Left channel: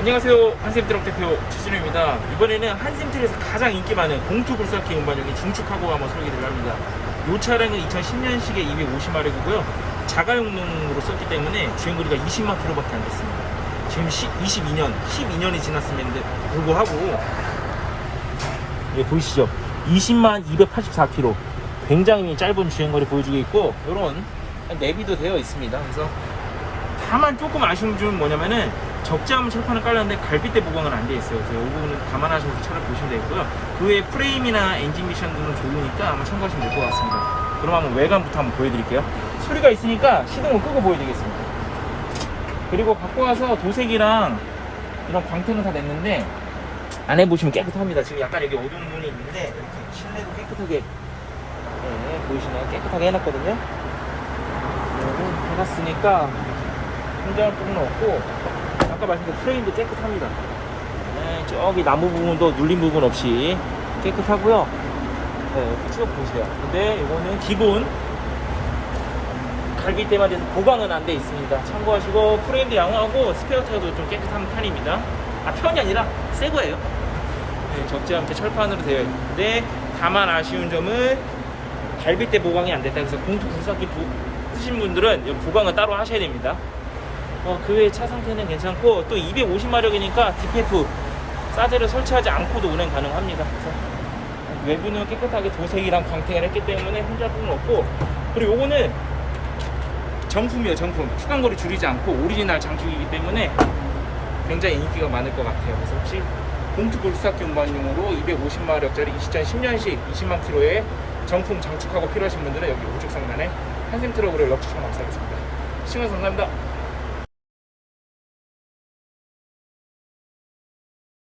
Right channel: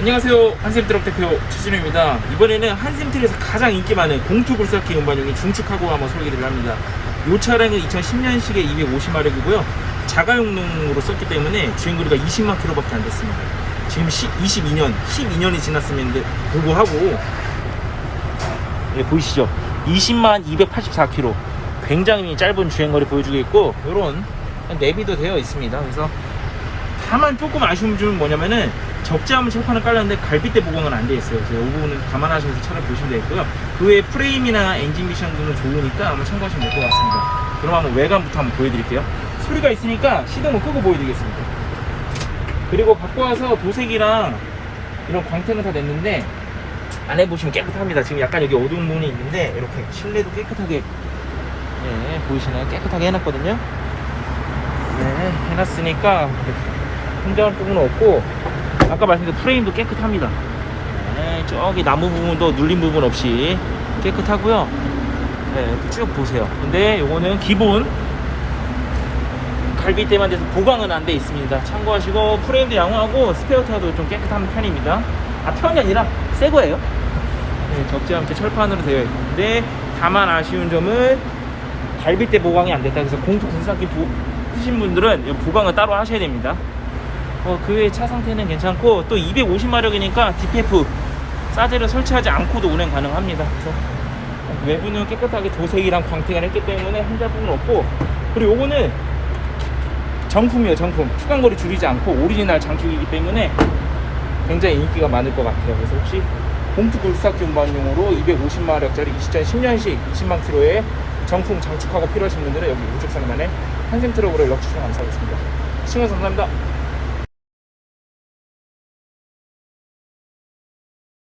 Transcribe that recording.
안녕하세요. 한샘트럭 대표 최진우입니다. 이번에는 한샘트럭에서 가장 인기 많은 공투 굴삭기 운반용인 중축하고 한번 설계를 합니다. 이 차량은 2010년식의 250마력이고요. 자가용으로 썼기 때문에 주행거리가 20만 킬로밖에 안 됐습니다. 지금 22년 12년이 지났음에도 불구하고 네, 보이시죠? 20만 284킬로. 굉장히 짧은 주행거리 보여주고 있고 이런 내비도 되어 있습니다. 그래서 다만 조금 아쉬운 점은 뭐냐면은 적재하면 철판을 깔렸는데 갈빗대 보강은 안 돼 있어요. 그래서 이 부분은 감안하셔서 차를 보시면 되겠고요. 그 외에 프레임이나 엔진 미션들은 좋으니까 한번 참고하시면 될 것 같습니다. 그럼 한번 외관부터 한번 보여드릴게요. 소리가 있으니까 시동을 끄고 보여드리겠습니다. 그리고 갖고 와서 도색이랑 이런 광택은 다 냈는데 안에 보시면 깨끗합니다. 지금 약간 여기 어두운 부분이 있는데 이렇게 실내도 깨끗하게 예, 보이시나요? 깨끗하게 해놨거든요. 네, 해놨으니까 혼자할 부분은 없고 아까 말씀드린 프레임도 깨끗합니다. 네, 저기 나무 부분도 눌린 부분 없이 깨끗하고요. 네, 쭉 보세요. 근데 요거는 기본 갈비대만 돼서 보강은 안 돼 있습니다. 참고하시고 프레임도 양호하고 스페어 타도 좀 깨끗한 편입니다. 아 편이 아니라 새 거예요? 네, 적지 않게 철판으로 되어 있는데 다만 아쉬운 점은 갈비대 보강이 안 됐다 그래서 공투 분사기 쓰신 분들은 이 보강을 따로 하셔야 됩니다 어, 그 외에 차 상태는 괜찮고 또 250마력이니까 DPF 사제를 설치하지 않고도 운행 가능합니다. 그래서 외부는 깨끗하게 도색이랑 광택을 했기 때문에 부분 없고 그리고 요거는 정품이에요 정품. 추간거리 줄이지 않고 오리지널 장축이기 때문에 굉장히 인기가 많을 것 같아요. 그래서 혹시 공투 굴삭기 운반용으로 250마력짜리 2010년식 20만 킬로의 정품 장축하고 필요하신 분들은 여기 우측 상단에 한샘 트럭으로 연락 주시면 감사하겠습니다. 시청해주셔서 감사합니다